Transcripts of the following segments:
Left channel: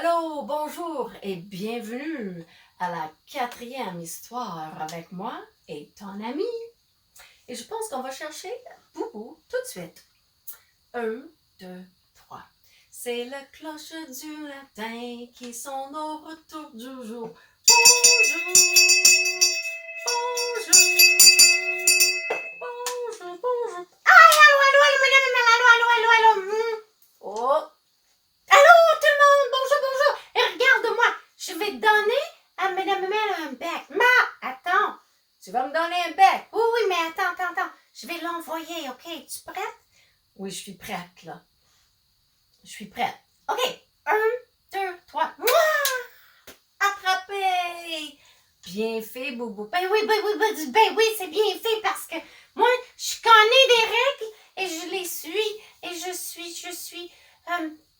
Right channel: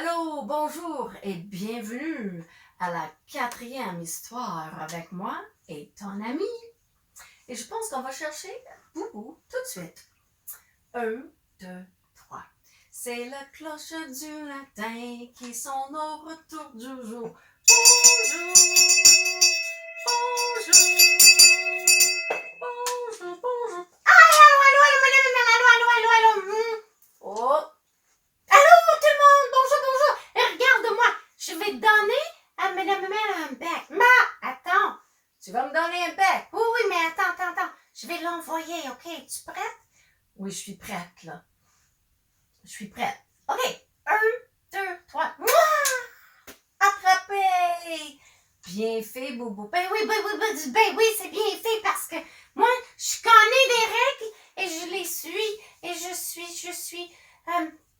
Allô, bonjour et bienvenue à la 4e histoire avec moi et ton ami. Et je pense qu'on va chercher Boubou tout de suite. 1, 2, 3. C'est le cloche du latin qui sonne au retour du jour. Bonjour, bonjour, bonjour, bonjour. Oh, bonjour, bonjour. Et regarde-moi, je vais donner à Madame Mel un bec. Attends. Tu vas me donner un bec? Oui, mais attends. Je vais l'envoyer, OK? Es-tu prête? Oui, je suis prête, là. Je suis prête. OK. 1, 2, 3. Attrapé! Bien fait, Boubou. Ben oui, c'est bien fait parce que moi, je connais des règles et je les suis et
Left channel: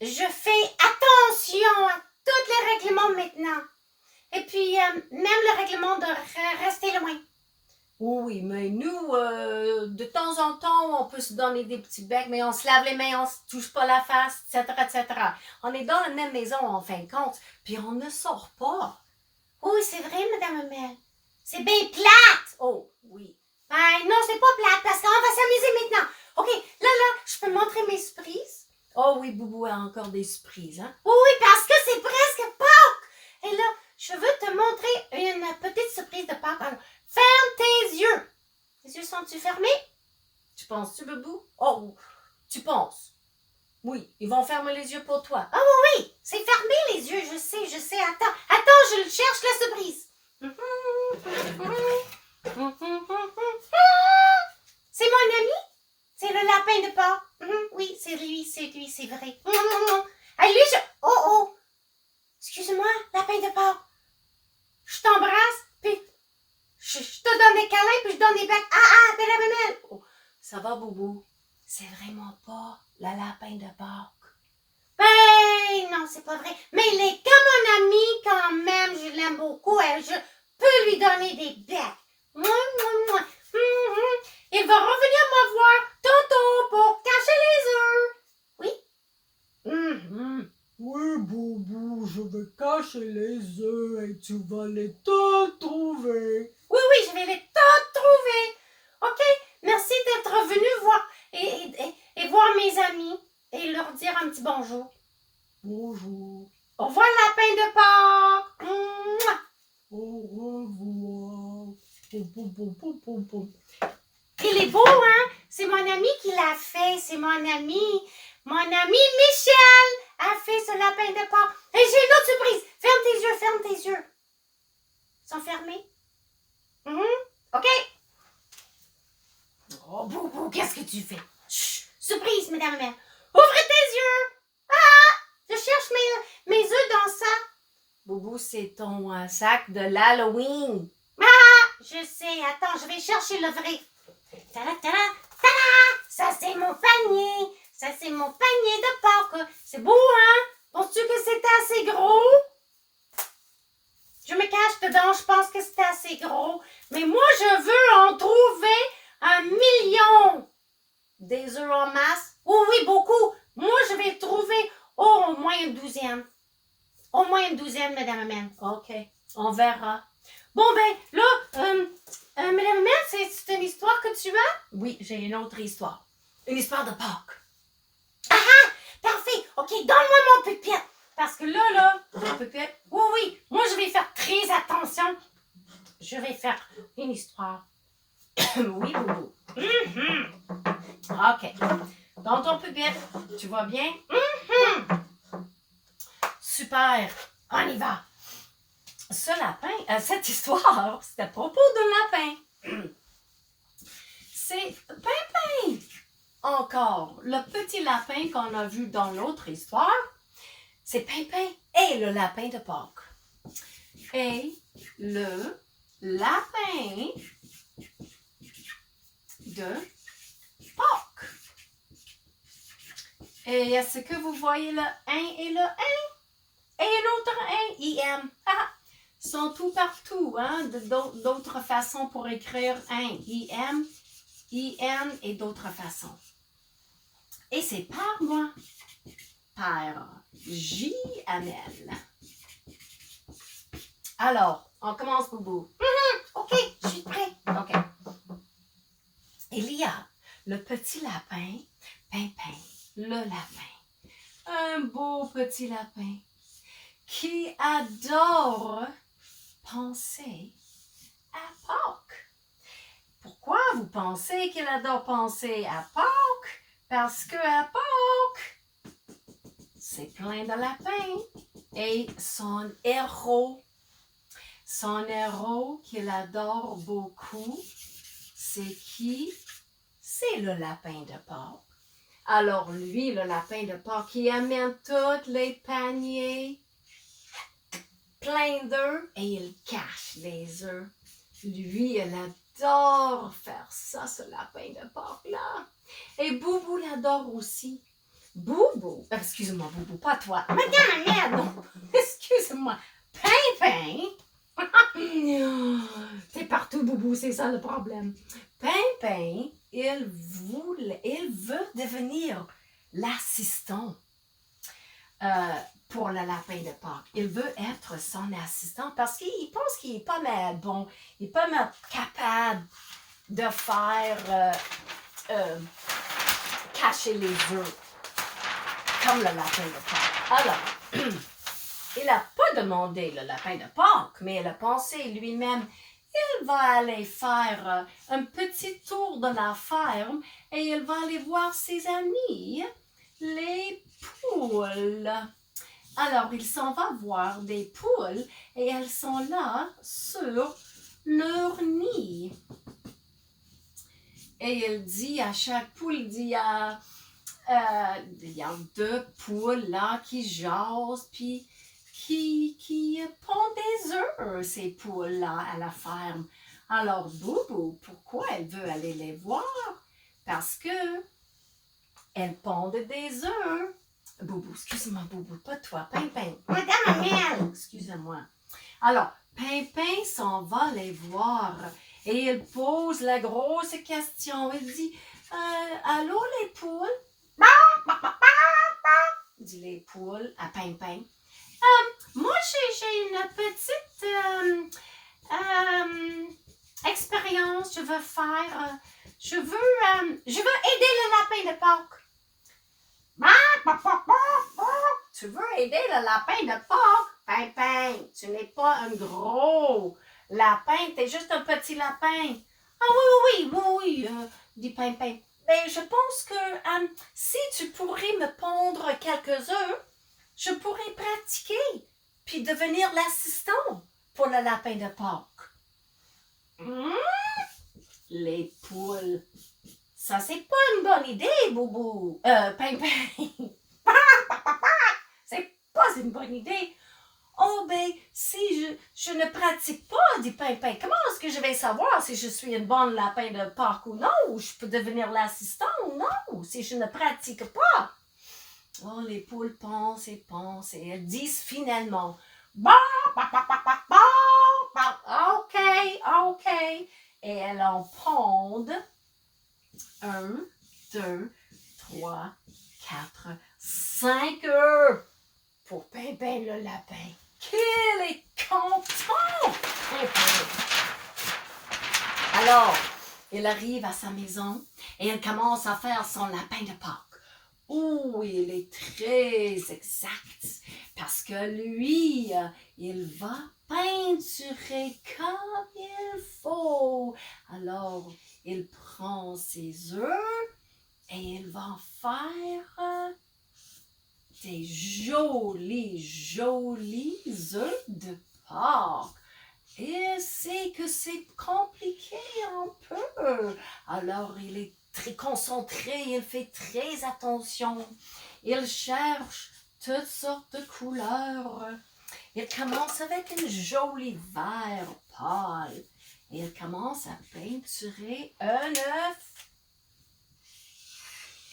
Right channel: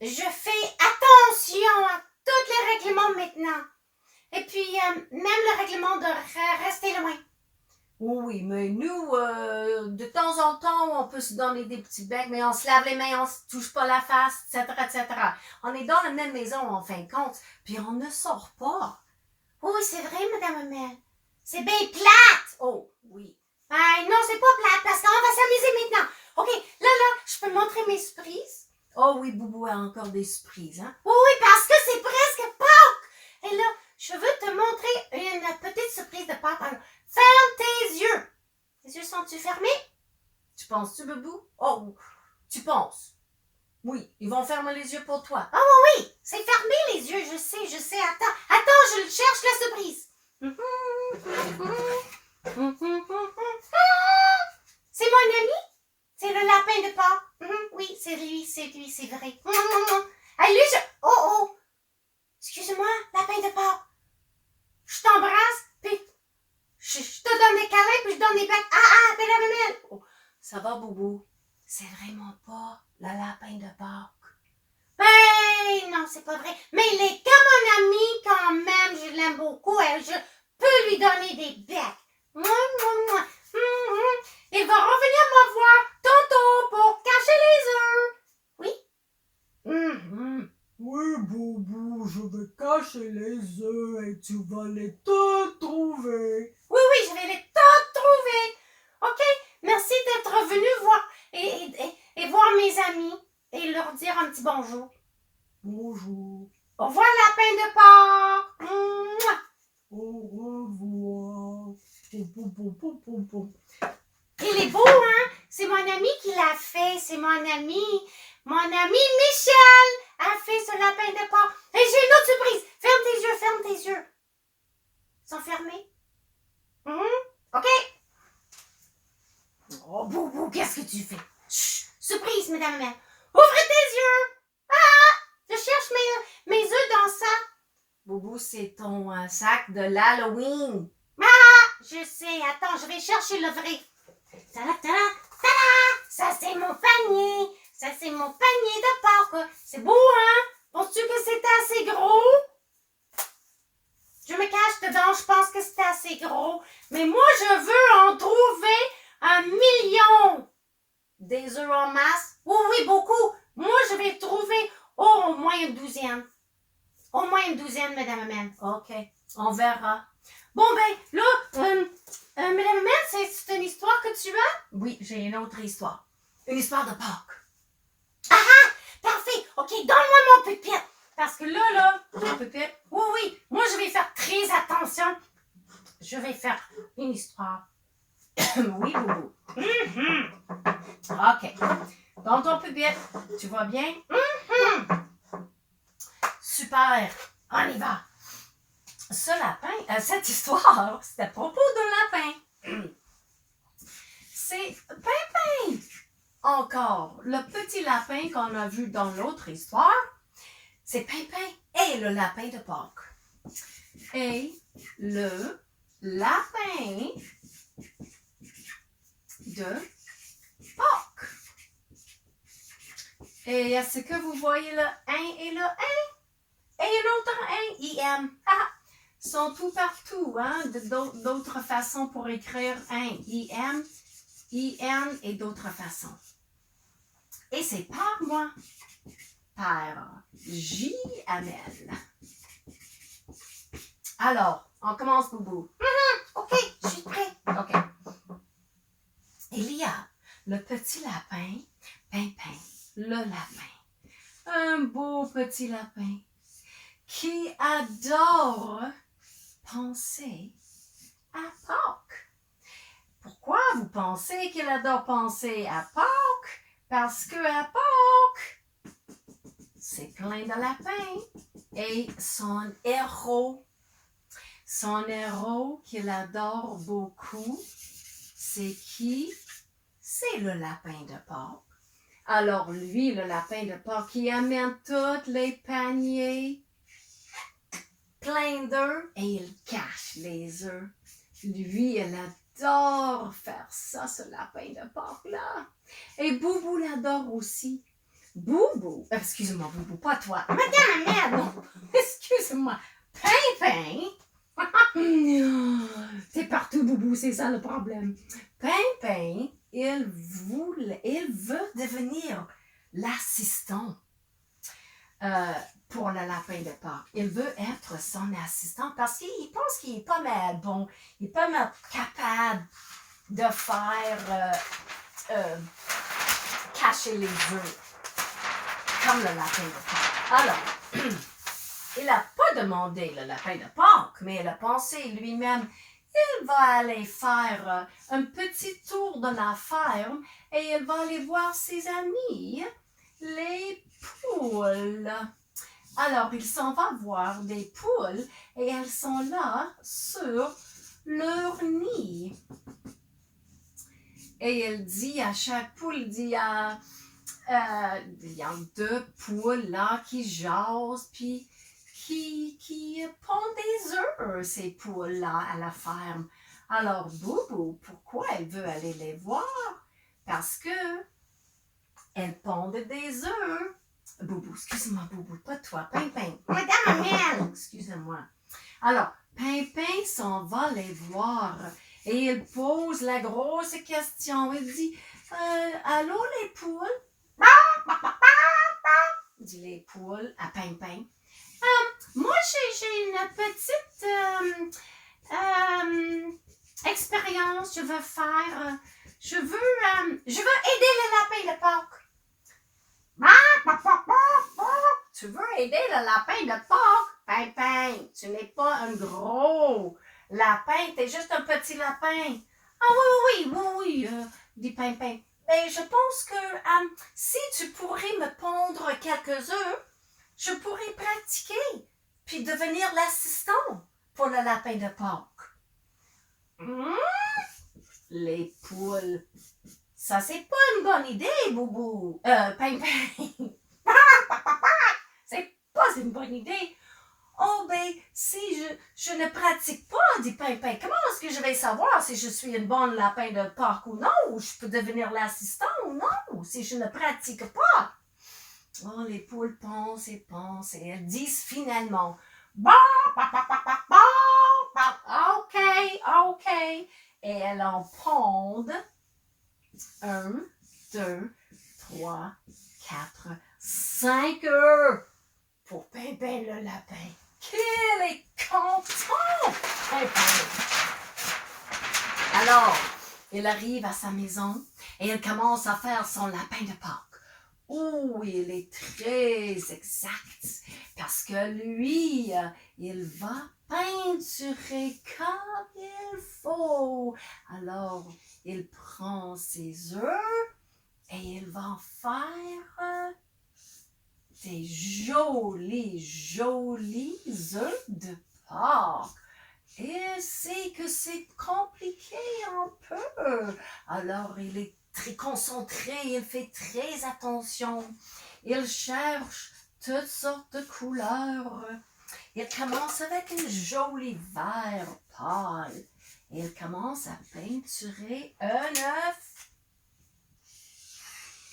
je fais attention à tous les règlements maintenant. Et puis, même le règlement de rester loin. Oui, mais nous, de temps en temps, on peut se donner des petits becs, mais on se lave les mains, on se touche pas la face, etc. On est dans la même maison, en fin de compte, puis on ne sort pas. Oui, c'est vrai, Madame Mel. C'est bien plate! Oh, oui. Non, c'est pas plate, parce qu'on va s'amuser maintenant. OK, là, je peux montrer mes surprises? Oh oui, Boubou a encore des surprises, hein? Oui, parce que c'est presque Pâques! Et là, je veux te montrer une petite surprise de Pâques. Alors, ferme tes yeux! Tes yeux sont-ils fermés? Tu penses-tu, Boubou? Oh, tu penses? Oui, ils vont fermer les yeux pour toi. Ah oui, c'est fermé les yeux, je sais. Attends, je cherche la surprise. C'est mon ami? C'est le lapin de Pâques. Oui, c'est lui, c'est vrai. Allez, oh! Excuse-moi, lapin de Pâques. Je t'embrasse, puis je te donne des câlins, puis je donne des becs. Belle. Oh, ça va, Boubou? C'est vraiment pas le lapin de Pâques. Ben, non, c'est pas vrai. Mais il est comme un ami quand même. Je l'aime beaucoup. Je peux lui donner des becs. Il va revenir me voir tantôt pour cacher les œufs. Oui? Oui, Boubou, je vais cacher les œufs et tu vas les te trouver. Oui, je vais les trouver. OK? Merci d'être venu voir et voir mes amis et leur dire un petit bonjour. Bonjour. Au revoir, lapin de Pâques. Mouah. Au revoir. Il est beau, hein? C'est mon ami qui l'a fait. C'est mon ami. Mon ami Michel a fait ce lapin de Pâques. Et j'ai une autre surprise. Ferme tes yeux. Ils sont fermés? OK. Oh, Boubou, qu'est-ce que tu fais? Chut, surprise, mesdames et messieurs. Ouvrez tes yeux. Je cherche mes œufs dans ça. Boubou, c'est ton sac de l'Halloween. Je sais. Attends, je vais chercher le vrai. Tada! Ça, c'est mon panier. Ça, c'est mon panier de Pâques. C'est beau, hein? Penses-tu que c'est assez gros? Je me cache dedans. Je pense que c'est assez gros. Mais moi, je veux en trouver 1 million. Des œufs en masse? Oui, beaucoup. Moi, je vais trouver au moins une douzaine. Au moins une douzaine, Madame Amel. OK, on verra. Bon, ben, là, Madame Amel, c'est une histoire que tu as? Oui, j'ai une autre histoire. Une histoire de Pâques. Parfait. OK, donne-moi mon pupitre. Parce que là, mon pupitre. Oui, moi, je vais faire très attention. Je vais faire une histoire. Oui, Boubou. OK. Dans ton pupitre, tu vois bien? Super. On y va. Ce lapin, cette histoire, c'est à propos d'un lapin. C'est Pimpin. Encore, le petit lapin qu'on a vu dans l'autre histoire, c'est Pimpin et le lapin de Pâques. Et le lapin de Pâques. Et est-ce que vous voyez le 1 et le 1? Et l'autre 1, IM. Sont tout partout, hein? D'autres façons pour écrire 1, IM, IN et d'autres façons. Et c'est par moi. par J-Amel. Alors, on commence, Boubou. OK, je suis prêt. OK. Il y a le petit lapin, Pimpin, le lapin. Un beau petit lapin qui adore penser à Pâques. Pourquoi vous pensez qu'il adore penser à Pâques? Parce que à Pâques, c'est plein de lapins. Et son héros qu'il adore beaucoup, c'est qui? C'est le lapin de Pâques. Alors lui, le lapin de Pâques, qui amène tous les paniers pleins d'œufs et il cache les œufs. Lui, il adore faire ça, ce lapin de Pâques-là. Et Boubou l'adore aussi. Boubou, excuse-moi Boubou, pas toi. Madame Amel. Non, excuse-moi. Pimpin. T'es partout, Boubou, c'est ça le problème. Pimpin, il veut devenir l'assistant pour le lapin de Pâques. Il veut être son assistant parce qu'il pense qu'il n'est pas mal bon, il n'est pas mal capable de faire cacher les œufs comme le lapin de Pâques. Alors, il n'a pas demandé le lapin de Pâques, mais il a pensé lui-même, il va aller faire un petit tour de la ferme et il va aller voir ses amis, les poules. Alors, il s'en va voir des poules et elles sont là sur leur nid. Et il dit à chaque poule, il y a 2 poules là qui jasent, puis qui pondent des œufs, ces poules-là, à la ferme. Alors, Boubou, pourquoi elle veut aller les voir? Parce que elles pondent des œufs. Boubou, excuse-moi, Boubou, pas toi, Pimpin. Madame Amel. Excusez-moi. Alors, Pimpin s'en va les voir et il pose la grosse question. Il dit, allô les poules? Dit les poules à Pimpin. Moi, j'ai une petite expérience, je veux faire. Je veux aider le lapin de Pâques. Tu veux aider le lapin de Pâques? Pimpin, tu n'es pas un gros lapin, tu es juste un petit lapin. Ah oui, dit Pimpin. Ben, je pense que si tu pourrais me pondre quelques œufs, je pourrais pratiquer, puis devenir l'assistant pour le lapin de Pâques. Les poules. Ça, c'est pas une bonne idée, Boubou. Pimpin. C'est pas une bonne idée. Oh, ben, si je ne pratique pas, dit Pimpin, comment est-ce que je vais savoir si je suis une bonne lapin de Pâques ou non, ou je peux devenir l'assistant ou non, si je ne pratique pas? Oh, les poules pensent et elles disent finalement, OK. Et elles en pondent 1, 2, 3, 4, 5 œufs pour Pimpin le lapin. Qu'il est content, Pimpin! Alors, il arrive à sa maison et il commence à faire son lapin de Pâques. Oh, il est très exact parce que lui, il va peinturer comme il faut. Alors, il prend ses œufs et il va en faire des jolis œufs de Pâques. Et c'est que c'est compliqué un peu. Alors, il est très concentré, il fait très attention. Il cherche toutes sortes de couleurs. Il commence avec un joli vert pâle. Il commence à peinturer un œuf.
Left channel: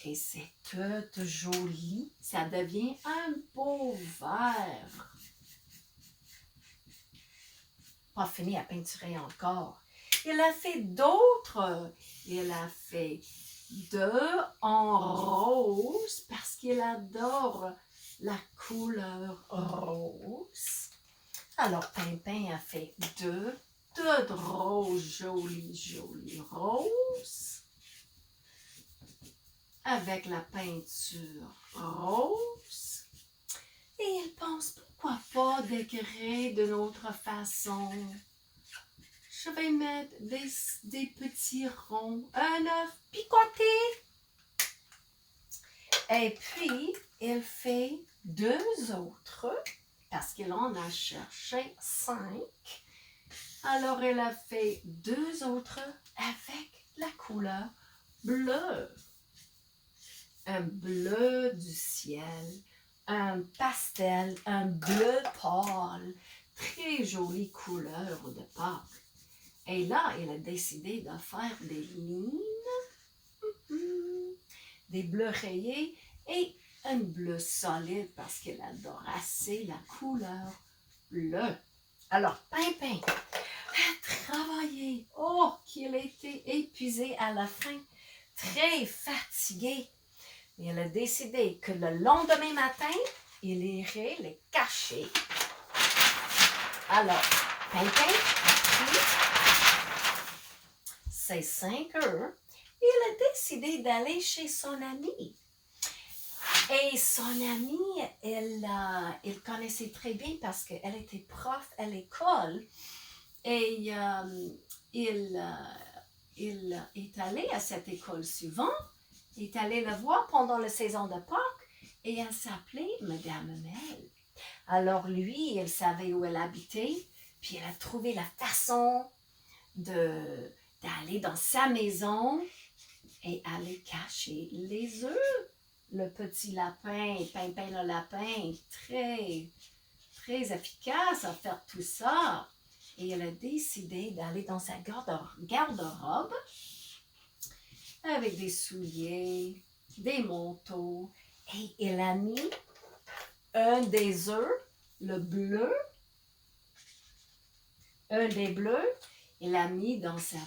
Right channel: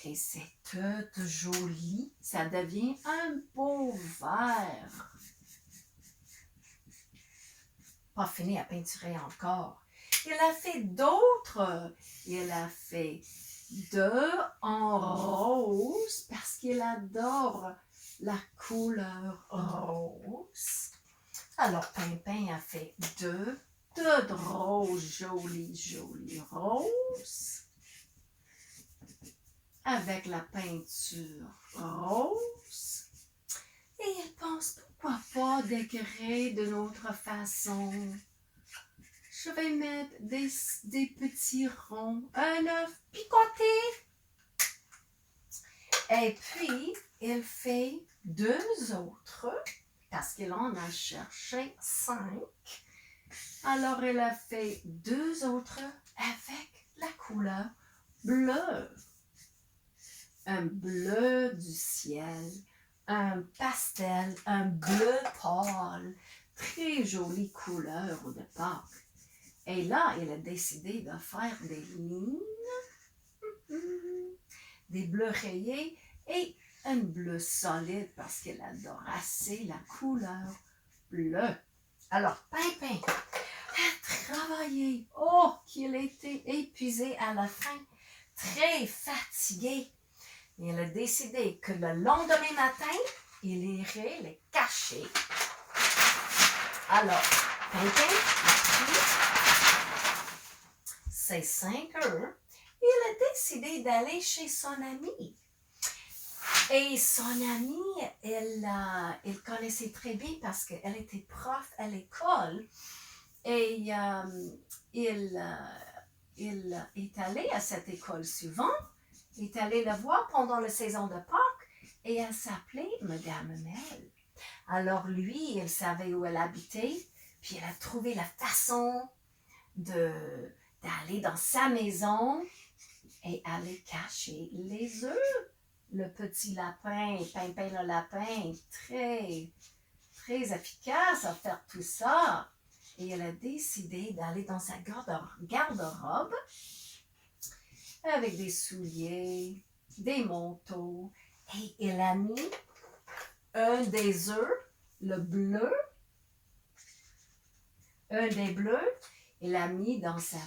Et c'est tout joli. Ça devient un beau vert. Pas fini à peinturer encore. Il a fait d'autres. Il a fait 2 en rose parce qu'il adore la couleur rose. Alors, Pimpin a fait deux roses jolies roses. Avec la peinture rose. Et elle pense, pourquoi pas décorer d'une autre façon. Je vais mettre des petits ronds, un œuf picoté. Et puis, elle fait deux autres, parce qu'elle en a cherché 5. Alors, elle a fait deux autres avec la couleur bleue. Un bleu du ciel, un pastel, un bleu pâle, très jolie couleur de Pâques. Et là, elle a décidé de faire des lignes, des bleus rayés et un bleu solide parce qu'elle adore assez la couleur bleue. Alors, Pimpin a travaillé. Oh, qu'il était épuisé à la fin, très fatigué. Et elle a décidé que le lendemain matin, il irait les cacher. Alors, Pimpin a pris ses 5 œufs et il a décidé d'aller chez son amie. Et son amie, elle connaissait très bien parce qu'elle était prof à l'école. Et il est allé à cette école souvent. Il est allé la voir pendant la saison de Pâques et elle s'appelait Madame Mel. Alors lui, il savait où elle habitait, puis elle a trouvé la façon d'aller dans sa maison et aller cacher les œufs. Le petit lapin, Pimpin le lapin, très, très efficace à faire tout ça. Et elle a décidé d'aller dans sa garde-robe avec des souliers, des manteaux. Et elle a mis un des œufs, le bleu, un des bleus, elle l'a mis dans sa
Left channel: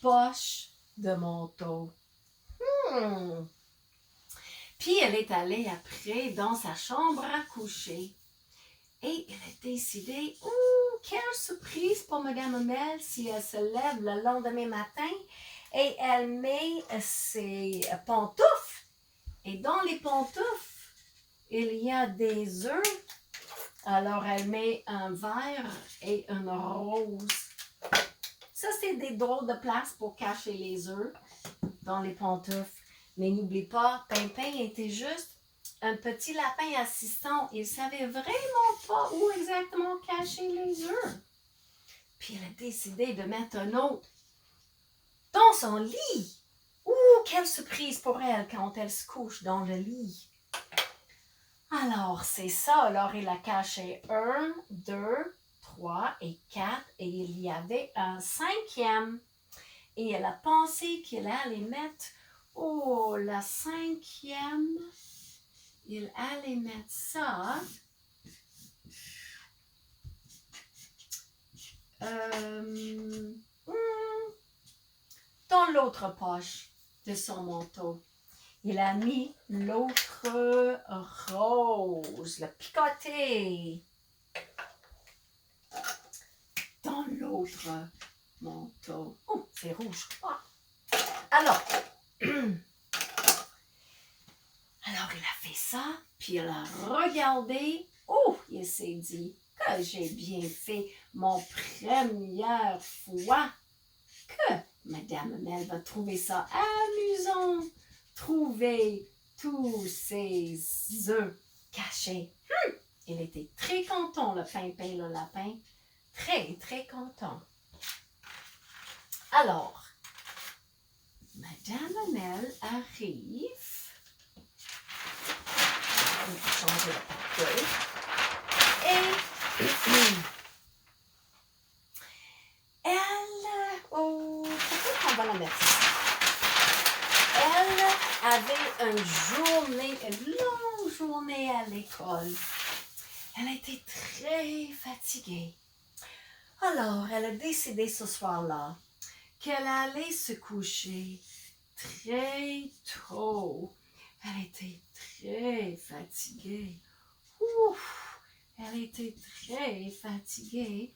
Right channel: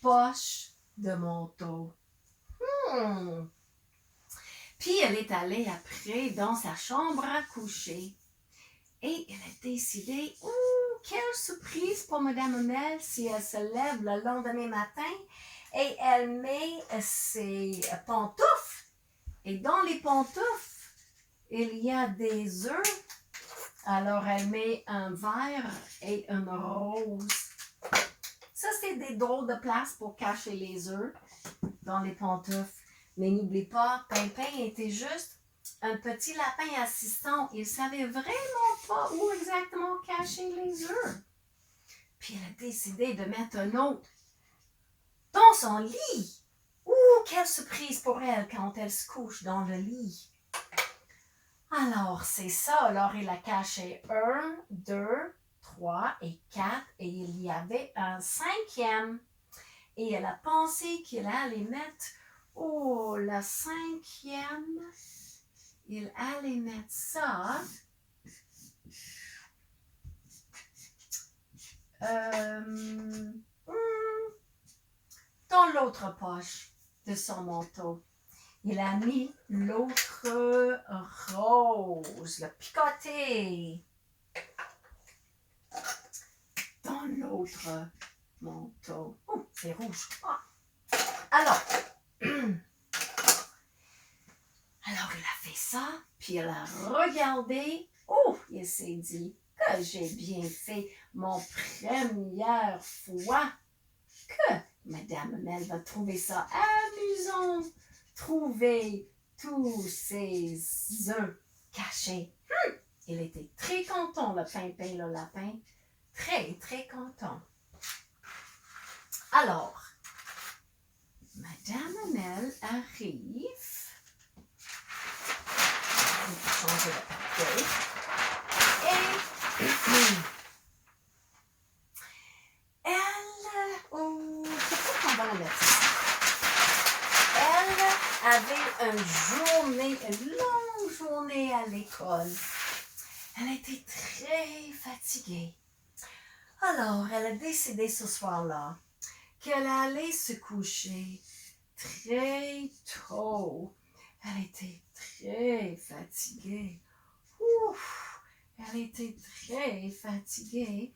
poche de manteau. Puis elle est allée après dans sa chambre à coucher. Et elle a décidé, quelle surprise pour Madame Mel si elle se lève le lendemain matin et elle met ses pantoufles. Et dans les pantoufles, il y a des œufs. Alors elle met un vert et une rose. Ça, c'est des drôles de place pour cacher les œufs dans les pantoufles. Mais n'oublie pas, Pimpin était juste un petit lapin assistant. Il ne savait vraiment pas où exactement cacher les œufs. Puis elle a décidé de mettre un autre dans son lit. Quelle surprise pour elle quand elle se couche dans le lit. Alors, c'est ça. Alors, il a caché 1, 2, 3 et 4. Et il y avait un 5e. Et elle a pensé qu'il allait mettre, la 5e. Il allait mettre ça dans l'autre poche de son manteau. Il a mis l'autre rose, le picoté, dans l'autre manteau. C'est rouge. Alors, il a fait ça, puis il a regardé. Il s'est dit que j'ai bien fait mon première fois que Madame Mel va trouver ça amusant. Trouver tous ces œufs cachés. Il était très content, le Pimpin, le lapin. Très, très content. Alors, Madame Mel arrive. On va changer le papier. Et elle, peut-être qu'on va la mettre ici. Elle avait une longue journée à l'école. Elle était très fatiguée. Alors, elle a décidé ce soir-là qu'elle allait se coucher très tôt. Elle était très fatiguée. elle était très fatiguée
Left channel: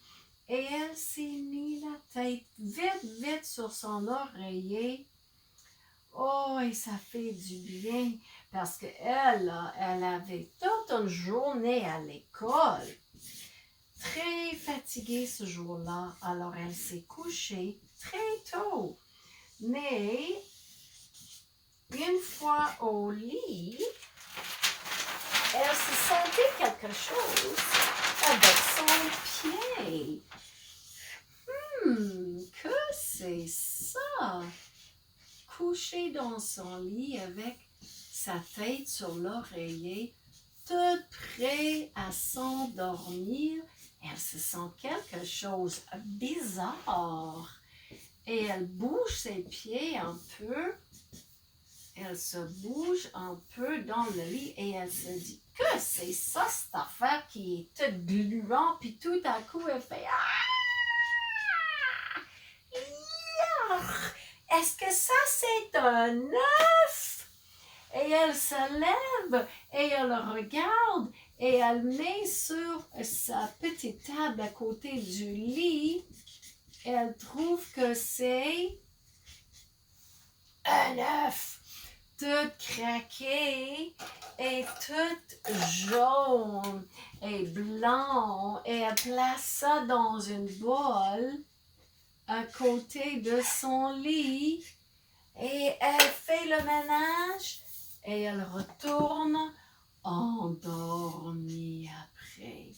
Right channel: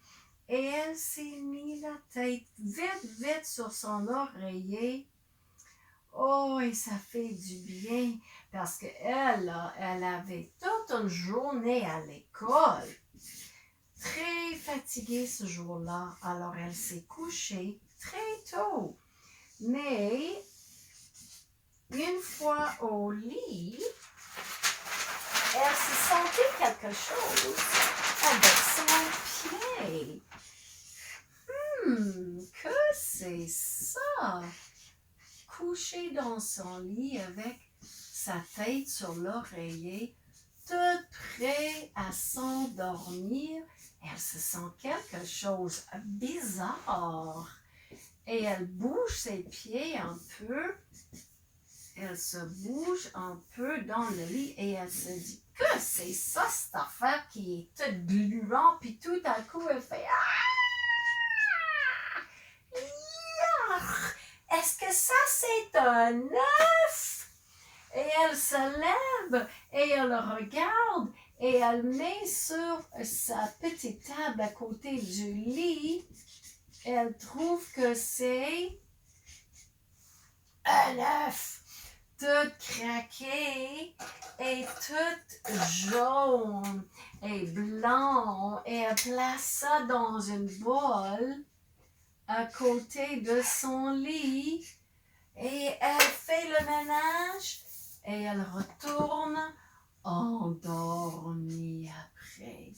et elle s'est mis la tête vite sur son oreiller. Oh, et ça fait du bien parce qu'elle, elle avait toute une journée à l'école. Très fatiguée ce jour-là, alors elle s'est couchée très tôt. Mais une fois au lit, elle se sentait quelque chose avec son pied. Que c'est ça? Couchée dans son lit avec sa tête sur l'oreiller, toute prête à s'endormir, elle se sent quelque chose bizarre. Et elle bouge ses pieds un peu. Elle se bouge un peu dans le lit et elle se dit que c'est ça cette affaire qui est toute gluante puis tout à coup elle fait Yark! Est-ce que ça c'est un œuf? Et elle se lève et elle regarde et elle met sur sa petite table à côté du lit. Elle trouve que c'est un œuf. Toute craquée et toute jaune et blanc et elle place ça dans une boîte à côté de son lit et elle fait le ménage et elle retourne endormie après.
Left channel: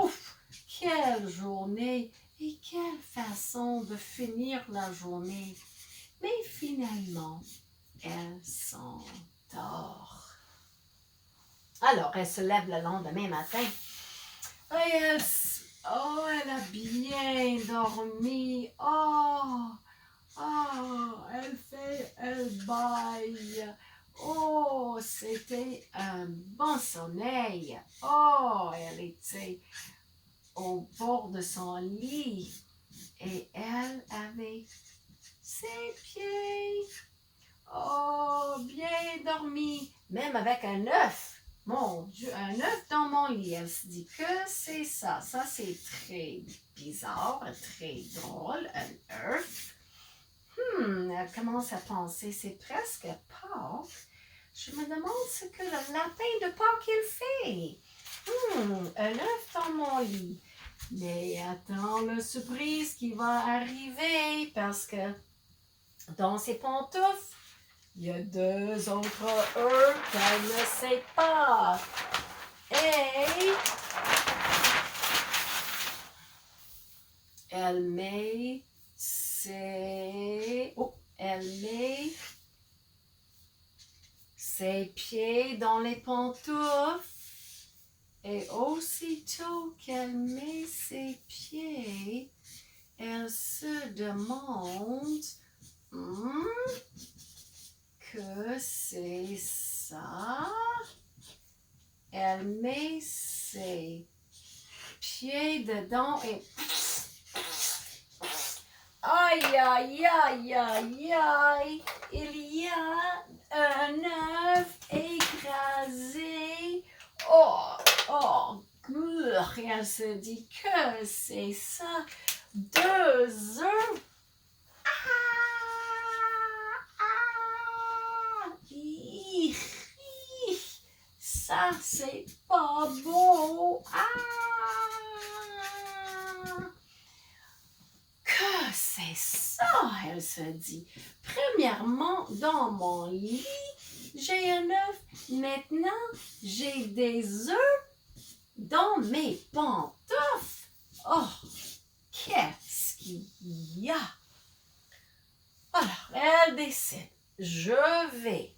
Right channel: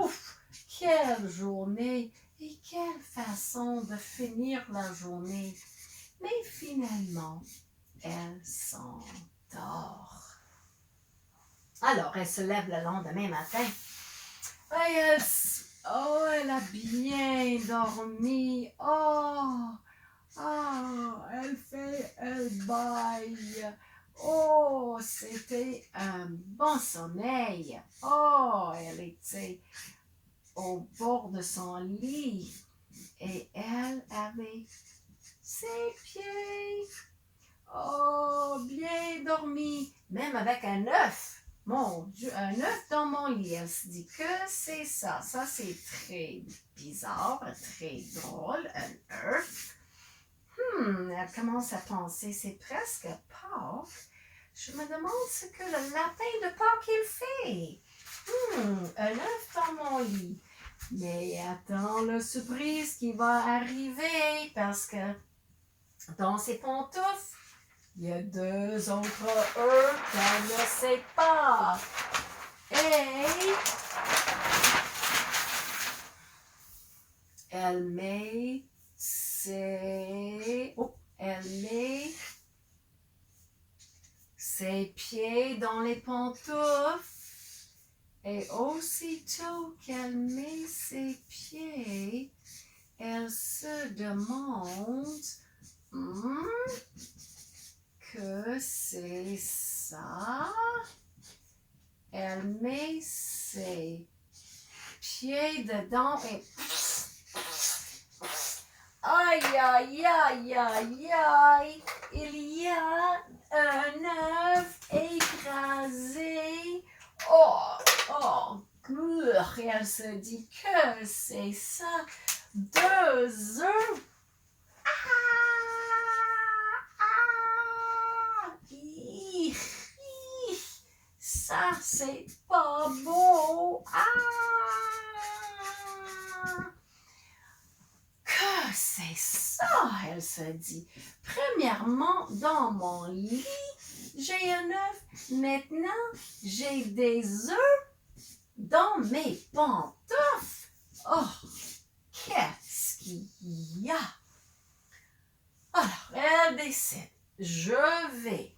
Ouf! Quelle journée et quelle façon de finir la journée. Mais finalement, elle s'endort. Alors, elle se lève le lendemain matin. Et elle a bien dormi. Elle baille. Oh, c'était un bon sommeil. Oh, elle était au bord de son lit et elle avait ses pieds. Oh, bien dormi, même avec un œuf. Mon Dieu, un œuf dans mon lit. Elle se dit que c'est ça. Ça, c'est très bizarre, très drôle, un œuf. Elle commence à penser, c'est presque Pâques. Je me demande ce que le lapin de Pâques il fait. Un œuf dans mon lit. Mais attends la surprise qui va arriver parce que dans ses pantoufles, il y a 2 autres œufs qu'elle ne sait pas. Et elle met ses pieds dans les pantoufles. Et aussitôt qu'elle met ses pieds, elle se demande que c'est ça. Elle met ses pieds dedans et aïe, aïe, aïe, aïe, aïe, il y a un œuf écrasé. Et elle se dit que c'est ça, 2 œufs. Ça, c'est pas beau. Que c'est ça, elle se dit. Premièrement, dans mon lit, j'ai un œuf. Maintenant, j'ai des œufs dans mes pantoufles. Oh, qu'est-ce qu'il y a? Alors, elle décide, je vais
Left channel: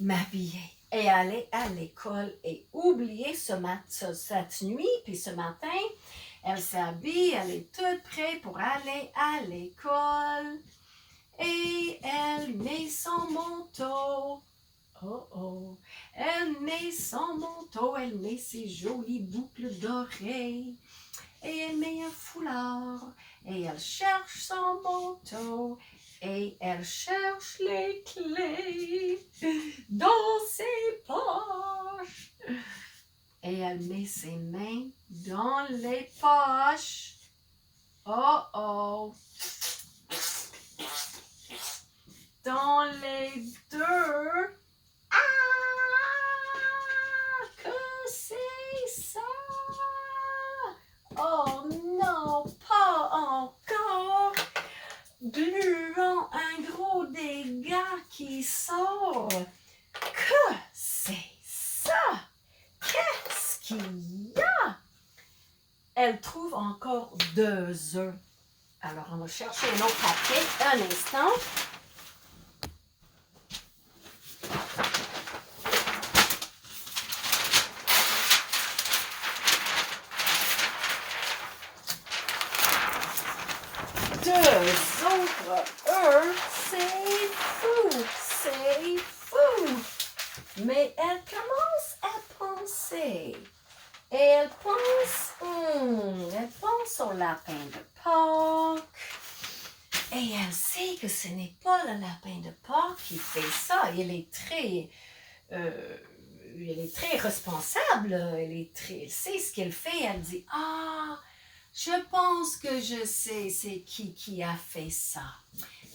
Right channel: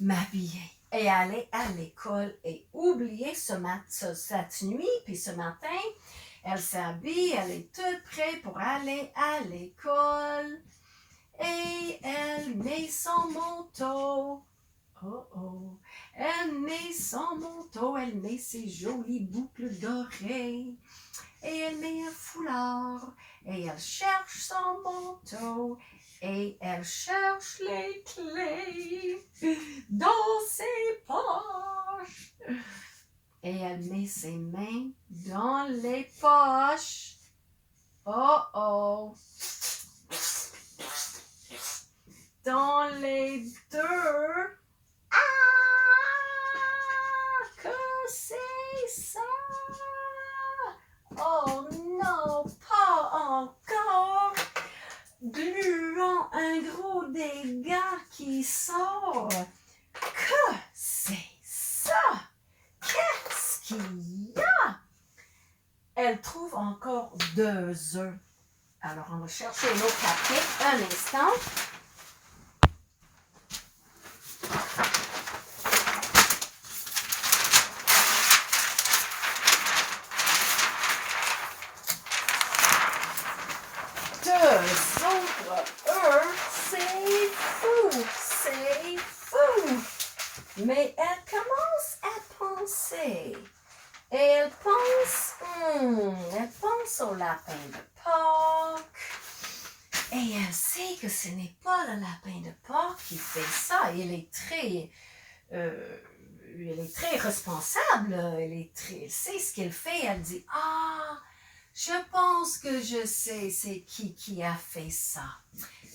m'habiller et aller à l'école et oublier cette nuit, puis ce matin, elle s'habille, elle est toute prête pour aller à l'école et elle met son manteau. Elle met son manteau, elle met ses jolies boucles d'oreilles et elle met un foulard et elle cherche son manteau et elle cherche les clés dans ses poches. Et elle met ses mains dans les poches. Oh oh! Dans les deux. Ah! Que c'est ça? Oh non, pas encore! Gluant, un gros dégât qui sort. Que c'est ça? Qu'est-ce qu'il y a? Elle trouve encore 2 œufs. Alors, on va chercher un autre papier. Un instant. Deux autres œufs, c'est fou, c'est fou. Mais elle commence à penser. Et elle pense au lapin de Pâques. Et elle sait que ce n'est pas le lapin de Pâques qui fait ça. Il est très responsable. Elle sait ce qu'elle fait. Elle dit, ah, je pense que je sais c'est qui a fait ça.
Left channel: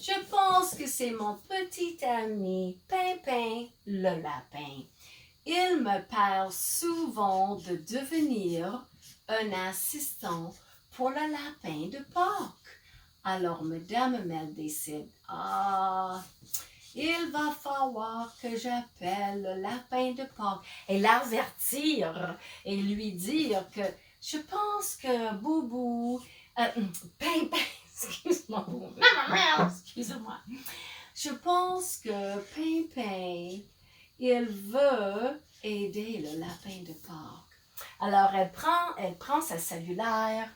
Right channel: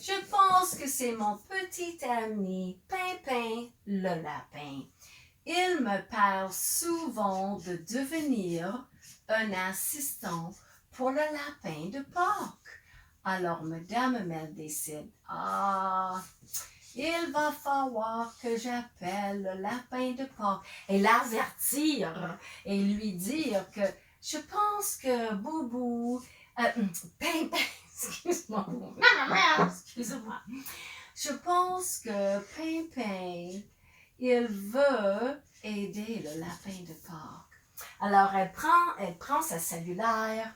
Je pense que c'est mon petit ami Pimpin le lapin. Il me parle souvent de devenir un assistant pour le lapin de Pâques. Alors, Madame Mel décide, il va falloir que j'appelle le lapin de Pâques et l'avertir et lui dire que je pense que Boubou, Pimpin, excuse-moi, je pense que Pimpin, il veut aider le lapin de Pâques. Alors, elle prend sa cellulaire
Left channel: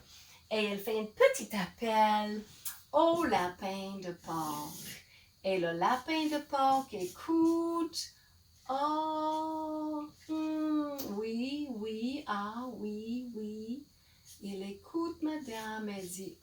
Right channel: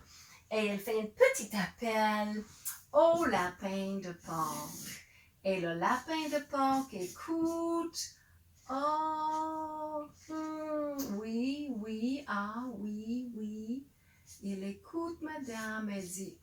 et elle fait un petit appel au lapin de Pâques. Et le lapin de Pâques écoute. Oh, oui, oui, oui. Il écoute madame, elle dit,